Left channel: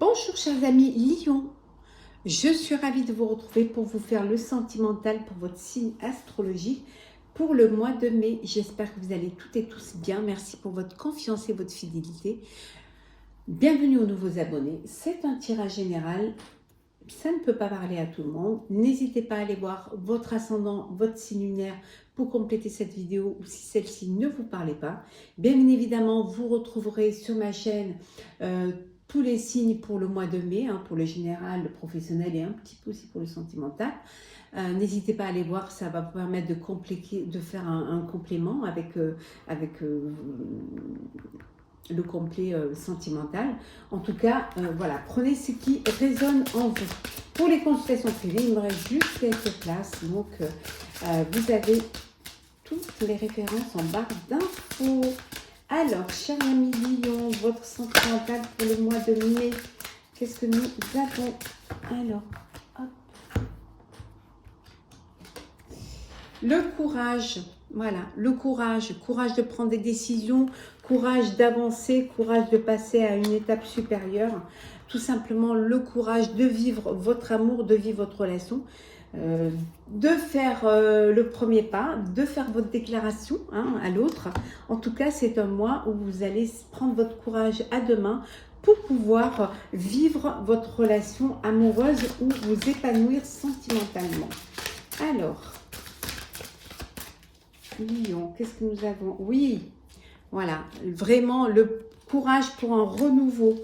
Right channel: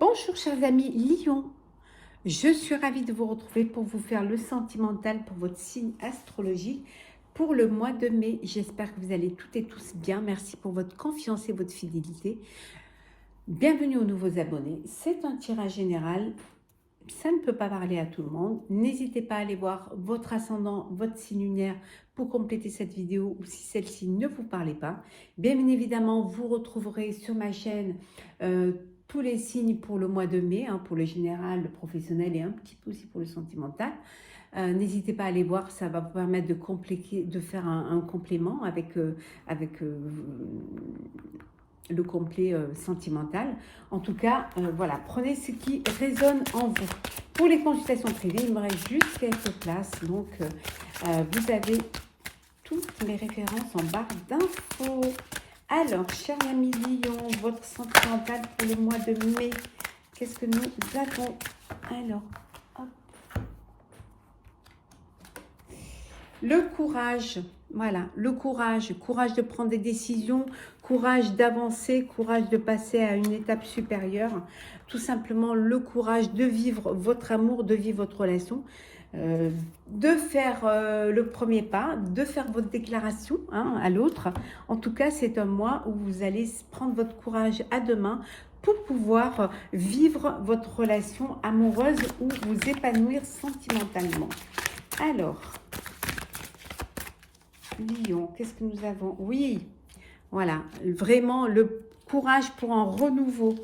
Bonjour chers amis Lion, je suis ravie de vous retrouver pour vous faire le sentimental pour votre signe astrologique pour le mois de mai. J'espère que vous allez toutes et tous bien. Merci pour votre confiance et votre fidélité. Bienvenue aux nouveaux abonnés. C'est un tirage général. Ça ne peut pas parler à tout le monde. N'hésitez pas à aller voir votre ascendant, votre signe lunaire pour compléter cette vidéo ou si celle-ci ne vous parlait pas. Bien évidemment, vous retrouverez sur ma chaîne tous les signes pour le mois de mai, pour le général, le professionnel et un petit peu aussi pour le sentimental. N'hésitez pas à aller voir, ça va vous permettre de faire un complément avec le complet sentimental. En tout cas, voilà, prenez ce qui résonne en vous. Pour les consultations privées, il me reste juste quelques places. Donc, vous avez toutes les références en barre d'infos. Alors, cher ami Lion, votre sentimental pour le mois de mai, qu'est-ce que nous avons? Alors, hop. Le courage, voilà, le courage de prendre des décisions, courage d'avancer, courage de passer à une étape supérieure, tout simplement le courage de vivre votre amour, de vivre votre relation, de faire le premier pas, de faire votre déclaration à l'autre. En tout cas, c'est un mois où vous allez prendre votre courage à deux mains pour pouvoir vivre votre relation amoureuse ou vous épanouir sentimentalement. Alors, Lion, qu'est-ce que nous avons? Oui, voilà, vraiment le courage pour un renouveau.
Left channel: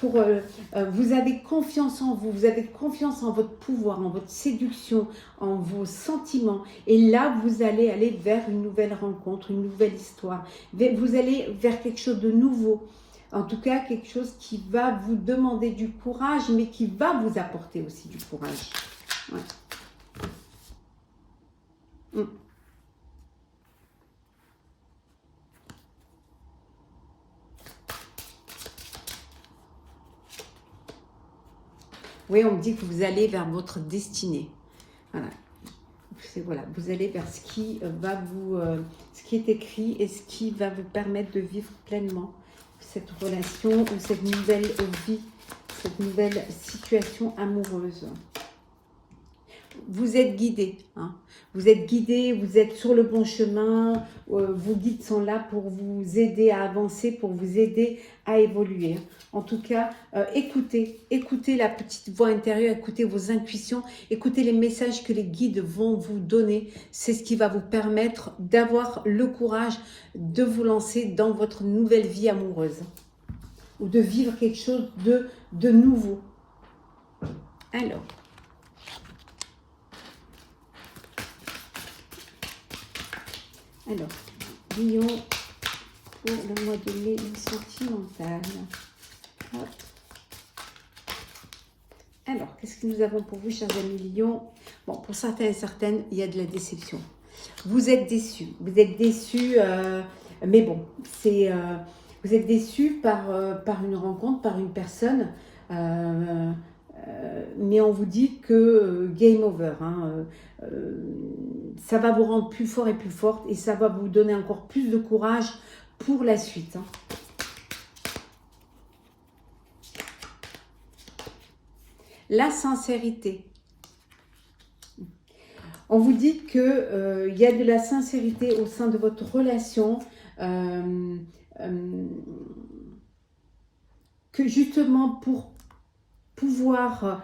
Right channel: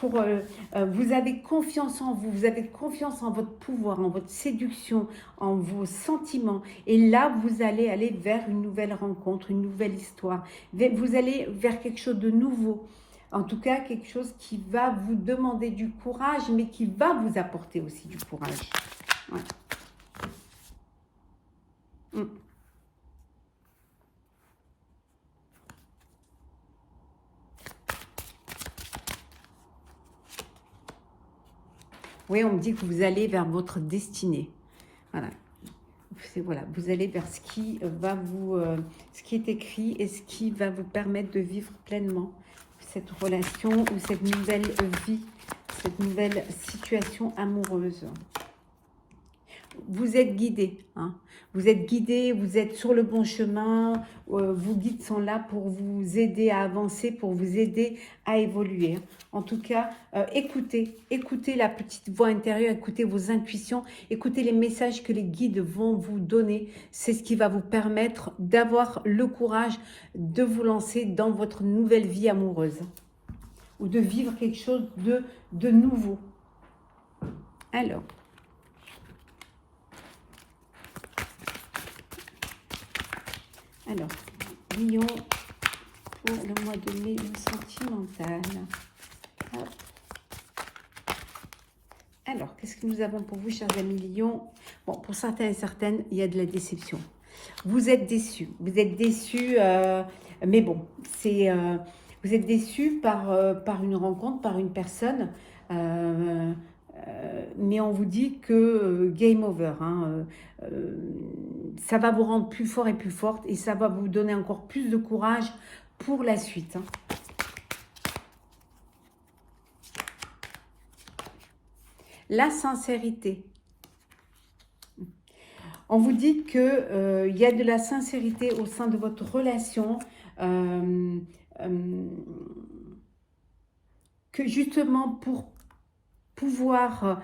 Vous avez confiance en vous, vous avez confiance en votre pouvoir, en votre séduction, en vos sentiments. Et là, vous allez aller vers une nouvelle rencontre, une nouvelle histoire. Vous allez vers quelque chose de nouveau. En tout cas, quelque chose qui va vous demander du courage, mais qui va vous apporter aussi du courage. Ouais. Oui, on me dit que vous allez vers votre destinée. Voilà. Voilà, vous allez vers ce qui va ce qui est écrit et ce qui va vous permettre de vivre pleinement cette relation ou cette nouvelle vie, cette nouvelle situation amoureuse. Vous êtes guidé, vous êtes guidé, vous êtes sur le bon chemin, vos guides sont là pour vous aider à avancer, pour vous aider à évoluer. En tout cas, écoutez la petite voix intérieure, écoutez vos intuitions, écoutez les messages que les guides vont vous donner. C'est ce qui va vous permettre d'avoir le courage de vous lancer dans votre nouvelle vie amoureuse ou de vivre quelque chose de nouveau. Alors, Lion, pour le mois de mai, du sentimental. Alors, qu'est-ce que nous avons pour vous, chers amis Lion? Bon, pour certains et certaines, il y a de la déception. Vous êtes déçus, mais bon, vous êtes déçus par une rencontre, par une personne, mais on vous dit que game over, ça va vous rendre plus fort et plus forte et ça va vous donner encore plus de courage pour la suite. La sincérité. On vous dit que y a de la sincérité au sein de votre relation, que justement pour pouvoir...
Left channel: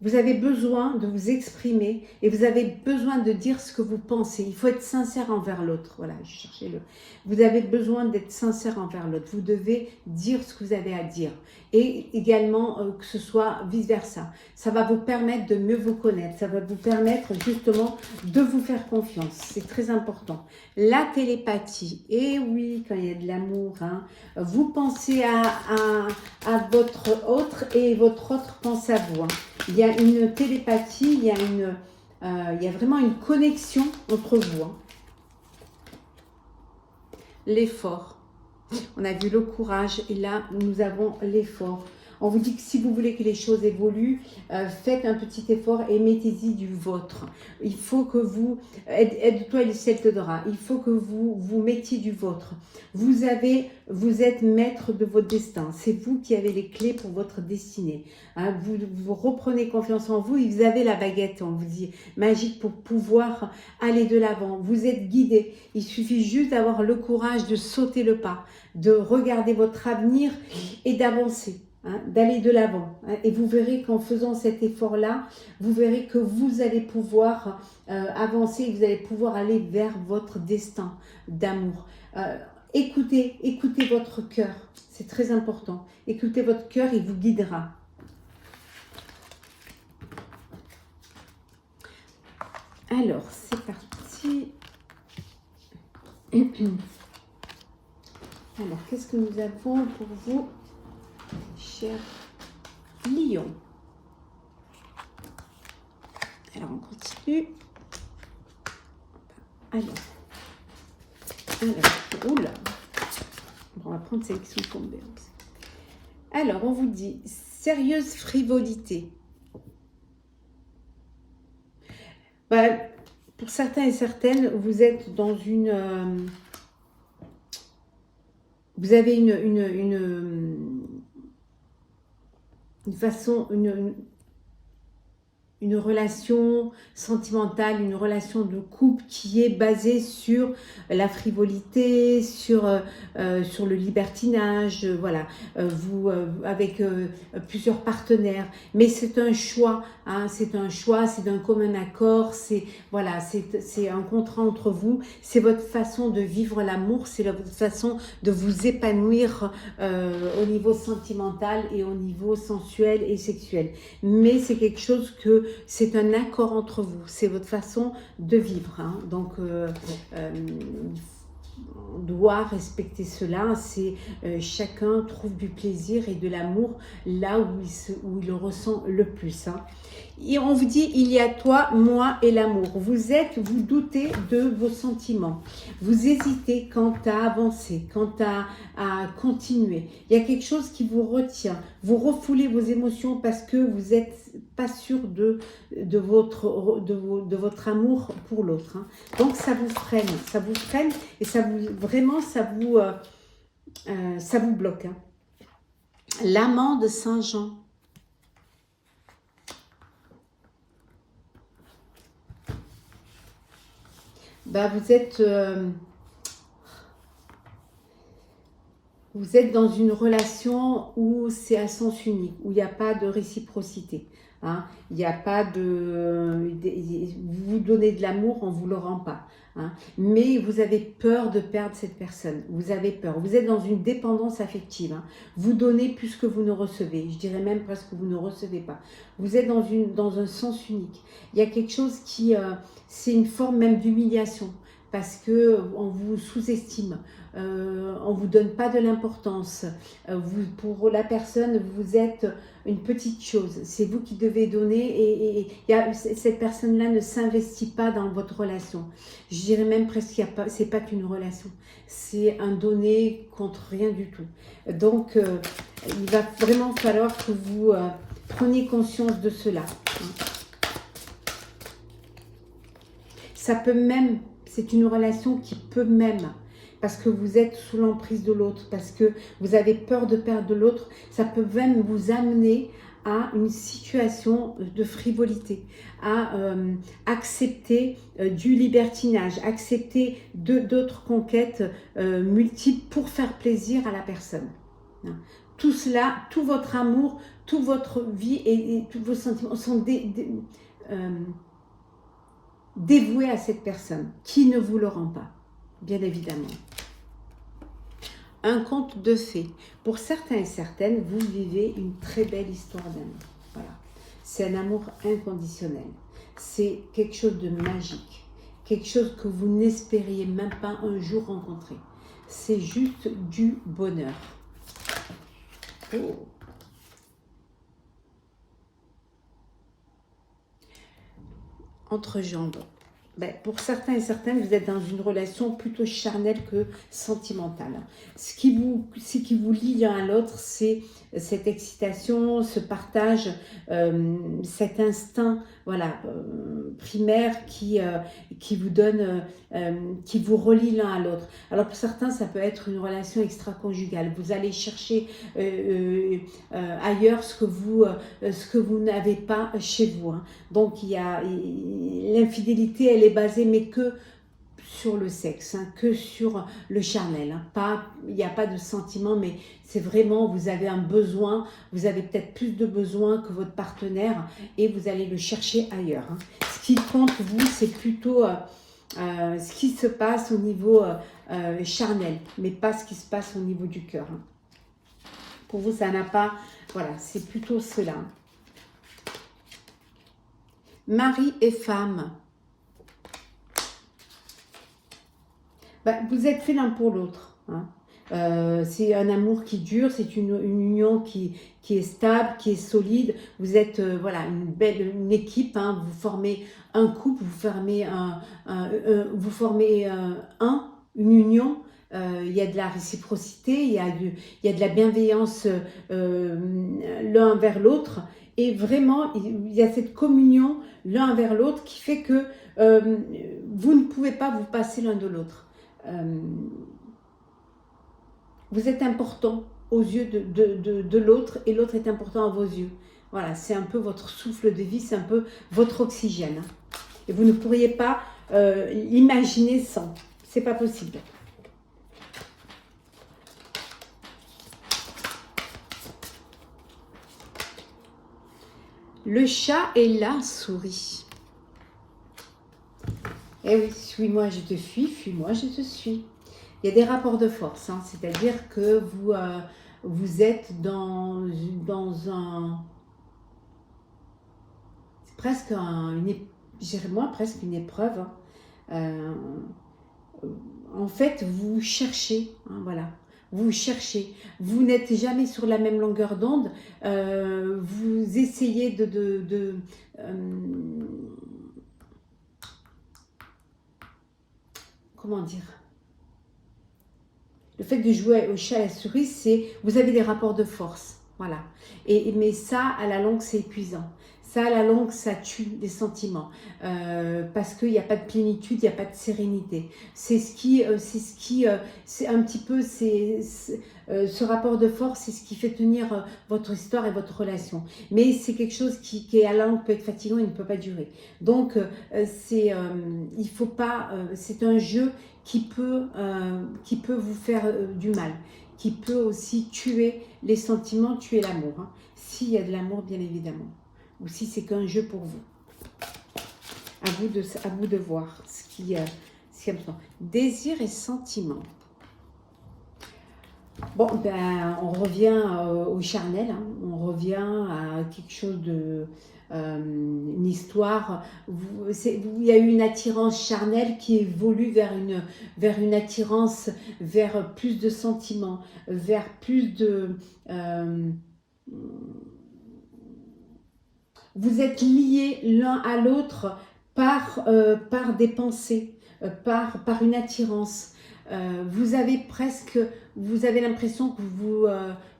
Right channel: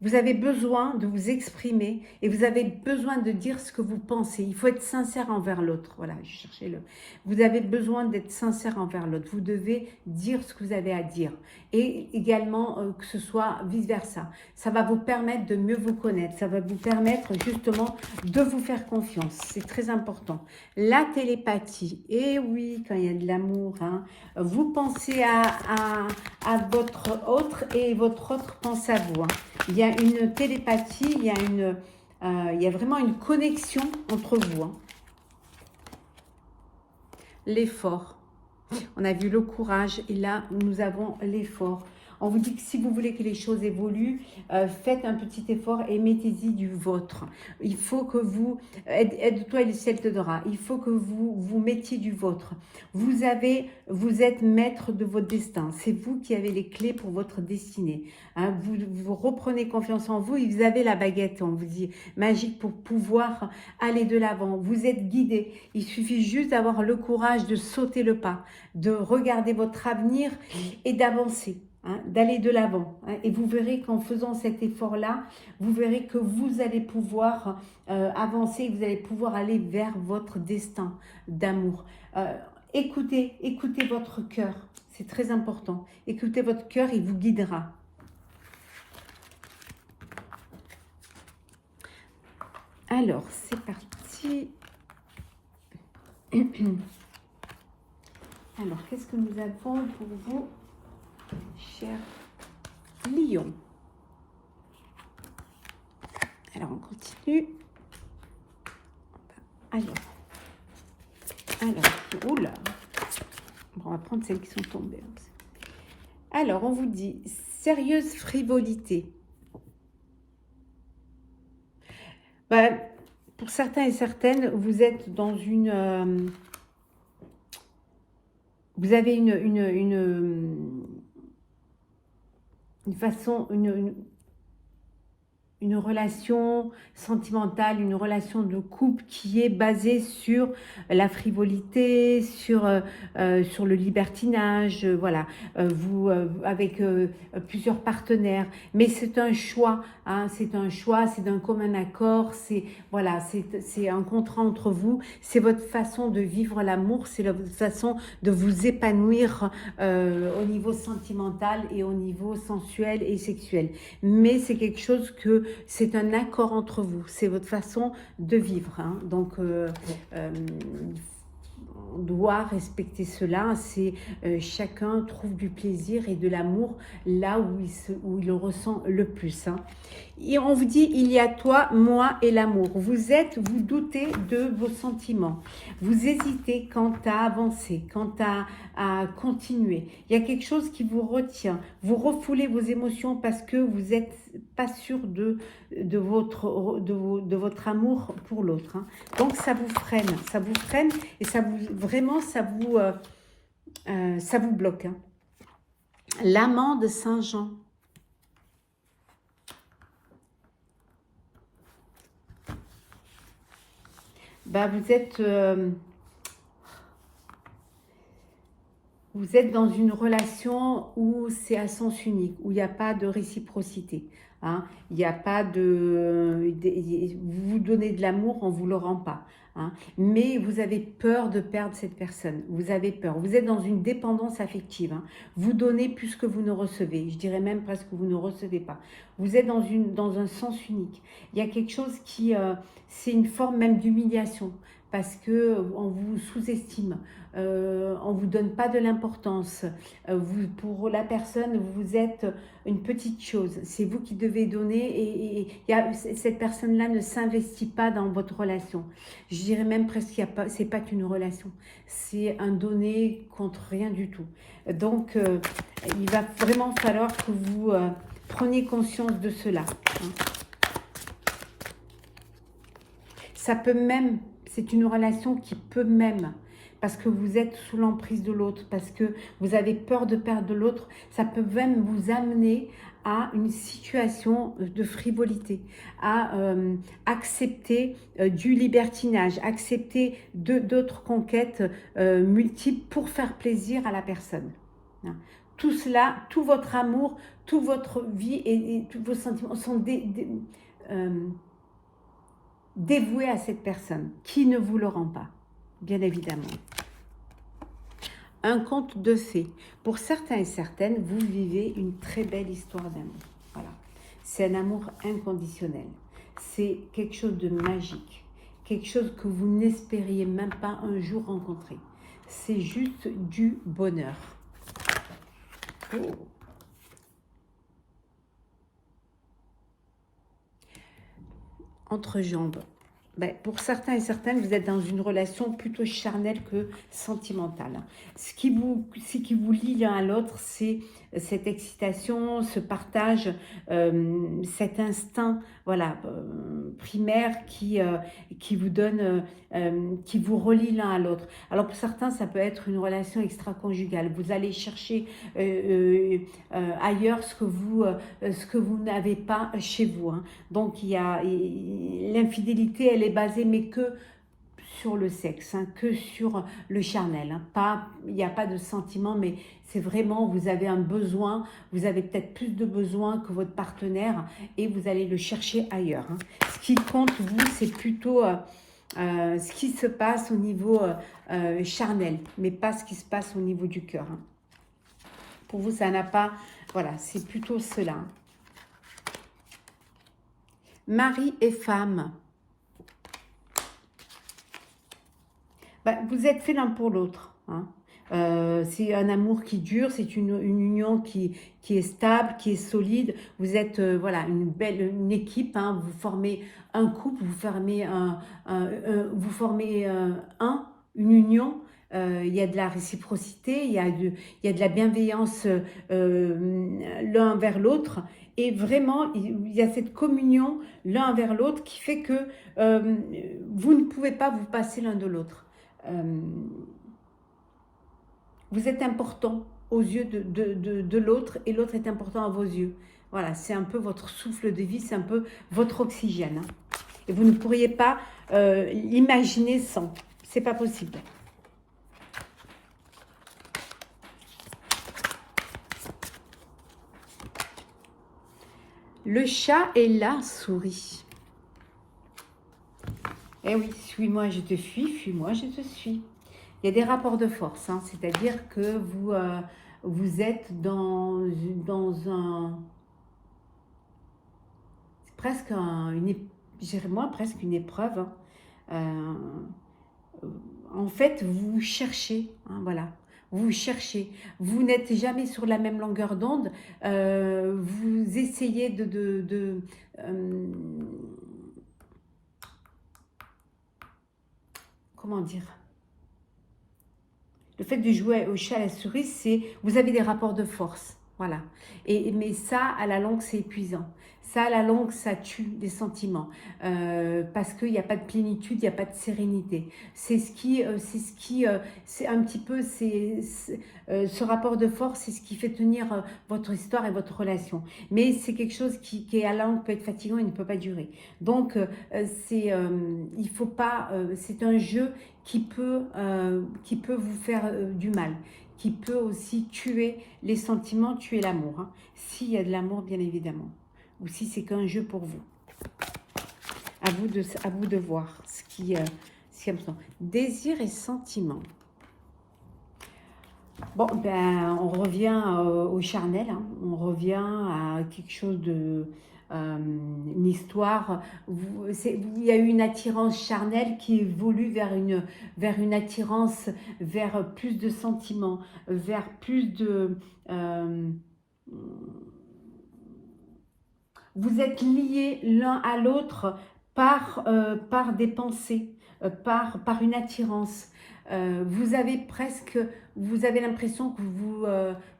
vous avez besoin de vous exprimer et vous avez besoin de dire ce que vous pensez. Il faut être sincère envers l'autre. Voilà, je cherchais le... Vous avez besoin d'être sincère envers l'autre. Vous devez dire ce que vous avez à dire. Et également que ce soit vice-versa. Ça va vous permettre de mieux vous connaître. Ça va vous permettre justement de vous faire confiance. C'est très important. La télépathie. Et oui, quand il y a de l'amour, vous pensez à votre autre et votre autre pense à vous. Il y a une télépathie, il y a vraiment une connexion entre vous. L'effort. On a vu le courage et là, nous avons l'effort. On vous dit que si vous voulez que les choses évoluent, faites un petit effort et mettez-y du vôtre. Il faut que vous, aide-toi et le ciel te donnera, il faut que vous mettiez du vôtre. Vous êtes maître de votre destin. C'est vous qui avez les clés pour votre destinée. Hein, vous reprenez confiance en vous et vous avez la baguette, on vous dit, magique pour pouvoir aller de l'avant. Vous êtes guidé. Il suffit juste d'avoir le courage de sauter le pas, de regarder votre avenir et d'avancer. Hein, d'aller de l'avant. Hein, et vous verrez qu'en faisant cet effort-là, vous verrez que vous allez pouvoir avancer, que vous allez pouvoir aller vers votre destin d'amour. Écoutez votre cœur, c'est très important. Écoutez votre cœur, il vous guidera. Alors, c'est parti. Alors, qu'est-ce que nous avons pour vous, chers lions? Alors, on continue. Alors, oula. Bon, on va prendre celles qui sont tombées. Alors, on vous dit, sérieuse frivolité. Ben, pour certains et certaines, vous êtes dans une... vous avez une façon... une relation sentimentale, une relation de couple qui est basée sur la frivolité, sur le libertinage, voilà, avec plusieurs partenaires. Mais c'est un choix, hein, c'est un choix, c'est d'un commun accord, c'est voilà, c'est un contrat entre vous, c'est votre façon de vivre l'amour, c'est votre façon de vous épanouir au niveau sentimental et au niveau sensuel et sexuel. Mais c'est quelque chose que c'est un accord entre vous, c'est votre façon de vivre. Hein. Donc, on doit respecter cela. C'est chacun trouve du plaisir et de l'amour là où il en ressent le plus. Hein. Et on vous dit, il y a toi, moi et l'amour. Vous doutez de vos sentiments. Vous hésitez quant à avancer, quant à continuer. Il y a quelque chose qui vous retient. Vous refoulez vos émotions parce que vous n'êtes pas sûr de votre amour pour l'autre. Hein. Donc ça vous freine et ça vous bloque. Hein. L'amant de Saint-Jean. Bah, vous êtes dans une relation où c'est à sens unique, où il n'y a pas de réciprocité. Hein. Il n'y a pas vous donnez de l'amour, on ne vous le rend pas. Hein. Mais vous avez peur de perdre cette personne. Vous avez peur. Vous êtes dans une dépendance affective. Hein. Vous donnez plus que vous ne recevez. Je dirais même presque que vous ne recevez pas. Vous êtes dans un sens unique. Il y a quelque chose qui... c'est une forme même d'humiliation parce qu'on vous sous-estime, on ne vous donne pas de l'importance. Pour la personne, vous êtes une petite chose. C'est vous qui devez donner et cette personne-là ne s'investit pas dans votre relation. Je dirais même presque que ce n'est pas qu'une relation. C'est un donner contre rien du tout. Donc, il va vraiment falloir que vous preniez conscience de cela. Ça peut même, c'est une relation qui peut même, parce que vous êtes sous l'emprise de l'autre, parce que vous avez peur de perdre l'autre, ça peut même vous amener à une situation de frivolité, à accepter du libertinage, accepter d'autres conquêtes multiples pour faire plaisir à la personne. Tout cela, tout votre amour, toute votre vie et tous vos sentiments sont dévoué à cette personne qui ne vous le rend pas, bien évidemment. Un conte de fées. Pour certains et certaines, vous vivez une très belle histoire d'amour. Voilà. C'est un amour inconditionnel. C'est quelque chose de magique. Quelque chose que vous n'espériez même pas un jour rencontrer. C'est juste du bonheur. Oh. Entrejambe. Ben, pour certains et certaines, vous êtes dans une relation plutôt charnelle que sentimentale. Ce qui vous lie l'un à l'autre, c'est cette excitation, ce partage, cet instinct, voilà, primaire qui vous donne, qui vous relie l'un à l'autre. Alors pour certains, ça peut être une relation extra-conjugale. Vous allez chercher ailleurs ce que vous n'avez pas chez vous. Hein. Donc il y a l'infidélité, elle est basée mais que sur le sexe, hein, que sur le charnel. Hein. Pas, il n'y a pas de sentiment, mais c'est vraiment, vous avez un besoin, vous avez peut-être plus de besoin que votre partenaire et vous allez le chercher ailleurs. Hein. Ce qui compte, vous, c'est plutôt ce qui se passe au niveau charnel, mais pas ce qui se passe au niveau du cœur. Hein. Pour vous, ça n'a pas... Voilà, c'est plutôt cela. Mari et femme. Ben, vous êtes fait l'un pour l'autre. Hein. C'est un amour qui dure, c'est une union qui est stable, qui est solide. Vous êtes voilà, une équipe, hein. Vous formez un couple, vous formez une union. Il y a de la réciprocité, il y a de la bienveillance l'un vers l'autre. Et vraiment, il y a cette communion l'un vers l'autre qui fait que vous ne pouvez pas vous passer l'un de l'autre. Vous êtes important aux yeux de l'autre et l'autre est important à vos yeux. Voilà, c'est un peu votre souffle de vie, c'est un peu votre oxygène. Hein. Et vous ne pourriez pas l'imaginer sans. C'est pas possible. Le chat et la souris. Eh oui, suis-moi, je te fuis-moi, je te suis. Il y a des rapports de force, hein, c'est-à-dire que vous êtes dans un... presque presque une épreuve. Hein. En fait, vous cherchez, hein, voilà. Vous cherchez, vous n'êtes jamais sur la même longueur d'onde, vous essayez comment dire, le fait de jouer au chat à la souris, c'est vous avez des rapports de force, voilà. Mais ça, à la longue, c'est épuisant. Ça, à la longue, ça tue des sentiments parce qu'il n'y a pas de plénitude, il n'y a pas de sérénité. C'est un petit peu, ce rapport de force, c'est ce qui fait tenir votre histoire et votre relation. Mais c'est quelque chose qui à la longue peut être fatigant et ne peut pas durer. Donc, il faut pas, c'est un jeu qui peut vous faire du mal, qui peut aussi tuer les sentiments, tuer l'amour. Hein. S'il y a de l'amour, bien évidemment. Ou si c'est qu'un jeu pour vous. À vous de voir ce qui est important. Désir et sentiment. Bon, ben, on revient au charnel. Hein. On revient à quelque chose de... une histoire. Il y a eu une attirance charnelle qui évolue vers une attirance, vers plus de sentiments, vers plus de... vous êtes liés l'un à l'autre par des pensées, par une attirance. Vous avez l'impression que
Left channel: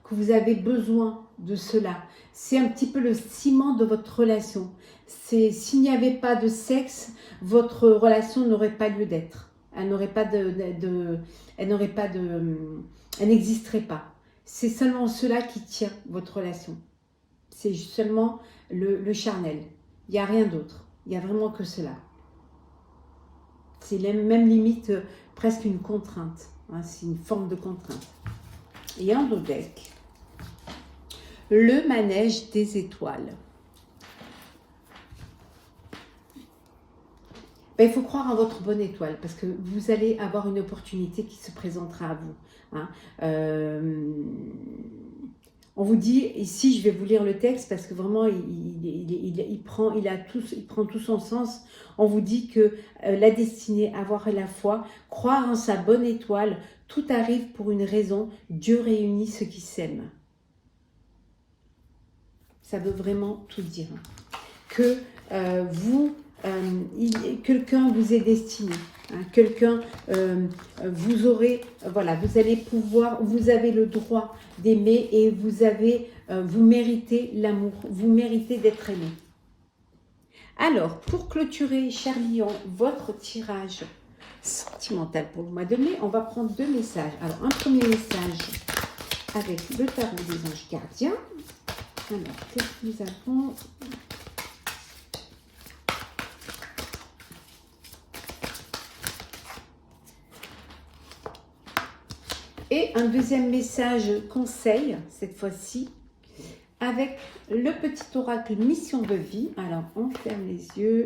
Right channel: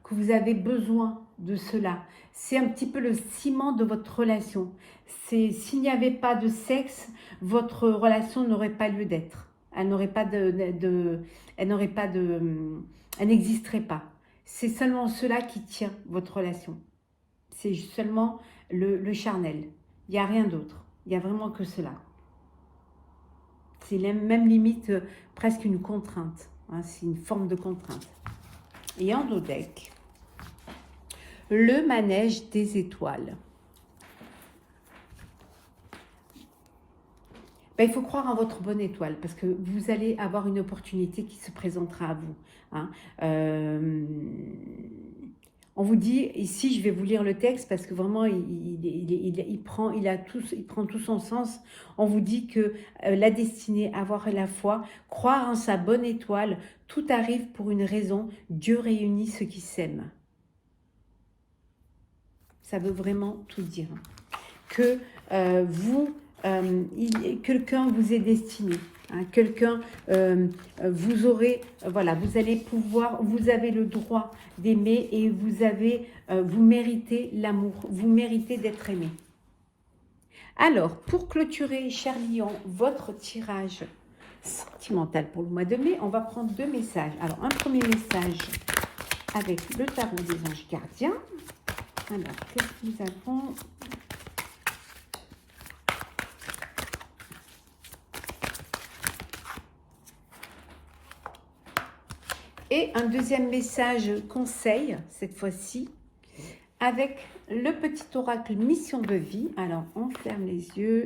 vous avez besoin de cela. C'est un petit peu le ciment de votre relation. S'il n'y avait pas de sexe, votre relation n'aurait pas lieu d'être. Elle n'existerait pas. C'est seulement cela qui tient votre relation. C'est seulement le charnel. Il n'y a rien d'autre. Il n'y a vraiment que cela. C'est même limite presque une contrainte. Hein, c'est une forme de contrainte. Et en dos deck, le manège des étoiles. Ben, il faut croire en votre bonne étoile parce que vous allez avoir une opportunité qui se présentera à vous. Hein. On vous dit, ici je vais vous lire le texte parce que vraiment il prend tout son sens. On vous dit que la destinée, avoir la foi, croire en sa bonne étoile, tout arrive pour une raison, Dieu réunit ceux qui s'aiment. Ça veut vraiment tout dire. Que vous quelqu'un vous est destiné. Hein, quelqu'un, vous aurez, voilà, vous allez pouvoir, vous avez le droit d'aimer et vous méritez l'amour, vous méritez d'être aimé. Alors, pour clôturer, cher Lion, votre tirage sentimental pour le mois de mai, on va prendre 2 messages. Alors, un premier message avec le tarot des anges gardiens. Alors, qu'est-ce que nous avons? Et un deuxième message conseil, cette fois-ci, avec le petit oracle mission de vie. Alors, on ferme les yeux,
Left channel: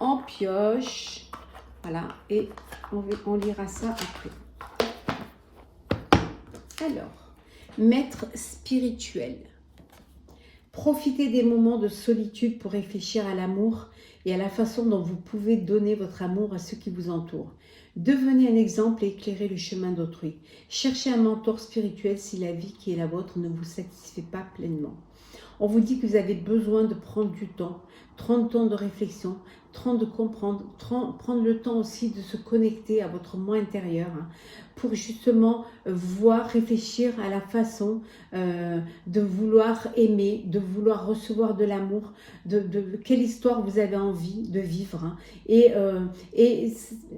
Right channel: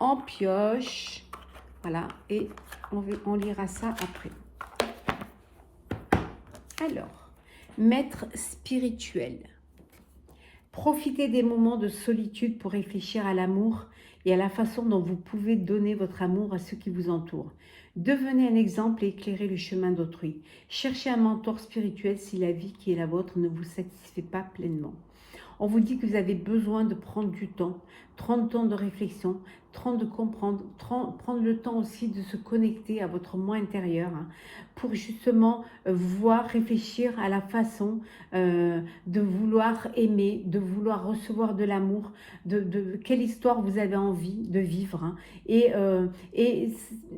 on pioche, voilà, et on lira ça après. Alors, maître spirituel. Profitez des moments de solitude pour réfléchir à l'amour et à la façon dont vous pouvez donner votre amour à ceux qui vous entourent. Devenez un exemple et éclairez le chemin d'autrui. Cherchez un mentor spirituel si la vie qui est la vôtre ne vous satisfait pas pleinement. On vous dit que vous avez besoin de prendre du temps, 30 temps de réflexion, 30 de comprendre, prendre le temps aussi de se connecter à votre moi intérieur pour justement voir, réfléchir à la façon de vouloir aimer, de vouloir recevoir de l'amour, de quelle histoire vous avez envie de vivre. Et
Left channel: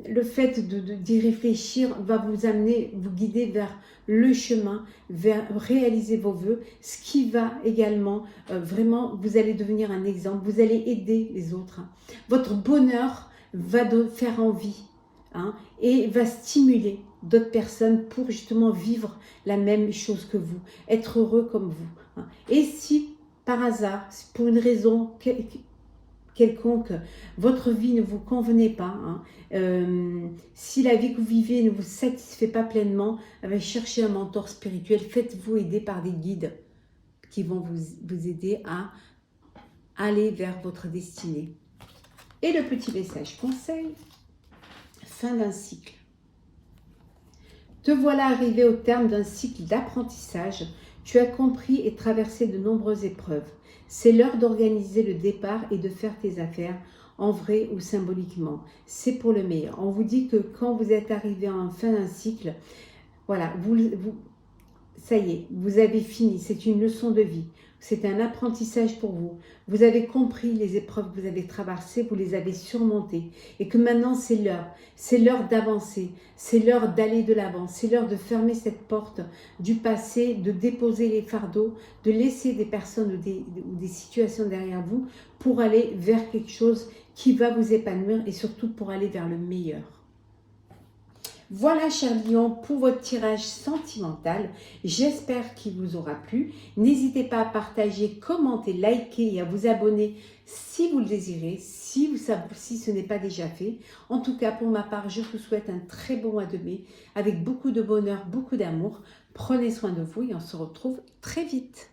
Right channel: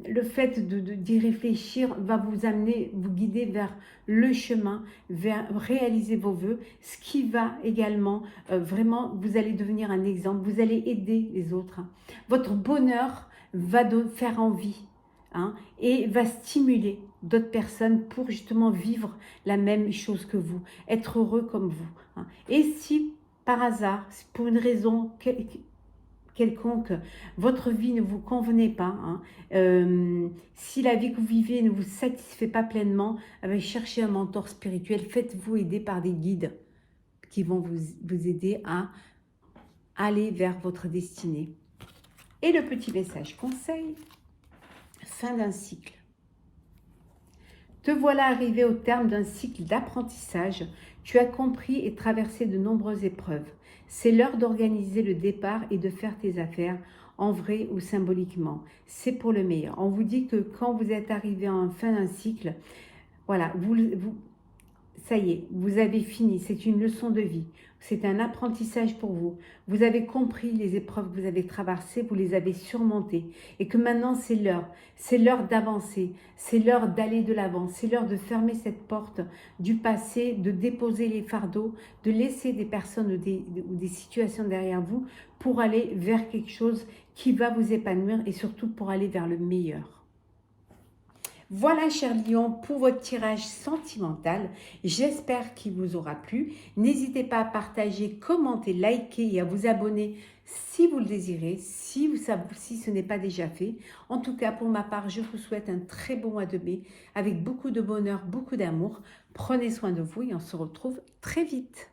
le fait d'y réfléchir va vous amener, vous guider vers le chemin, vers réaliser vos voeux, ce qui va également, vraiment, vous allez devenir un exemple, vous allez aider les autres. Votre bonheur va faire envie et va stimuler d'autres personnes pour justement vivre la même chose que vous, être heureux comme vous. Et si, par hasard, pour une raison quelconque, votre vie ne vous convenait pas, si la vie que vous vivez ne vous satisfait pas pleinement, cherchez un mentor spirituel, faites-vous aider par des guides qui vont vous aider à aller vers votre destinée. Et le petit message conseil, fin d'un cycle. Te voilà arrivé au terme d'un cycle d'apprentissage. Tu as compris et traversé de nombreuses épreuves. C'est l'heure d'organiser le départ et de faire tes affaires, en vrai ou symboliquement. C'est pour le meilleur. On vous dit que quand vous êtes arrivé en fin d'un cycle, voilà, ça y est, vous avez fini. C'est une leçon de vie. C'est un apprentissage pour vous. Vous avez compris les épreuves que vous avez traversées, vous les avez surmontées. Et que maintenant, c'est l'heure. C'est l'heure d'avancer. C'est l'heure d'aller de l'avant. C'est l'heure de fermer cette porte du passé, de déposer les fardeaux, de laisser des personnes ou des situations derrière vous pour aller vers quelque chose qui va vous épanouir et surtout pour aller vers le meilleur. Voilà, cher Lion, pour votre tirage sentimental. J'espère qu'il vous aura plu. N'hésitez pas à partager, commenter, liker et à vous abonner si vous le désirez, si ce n'est pas déjà fait. En tout cas, pour ma part, je vous souhaite un très bon mois de mai avec beaucoup de bonheur, beaucoup d'amour. Prenez soin de vous et on se retrouve très vite.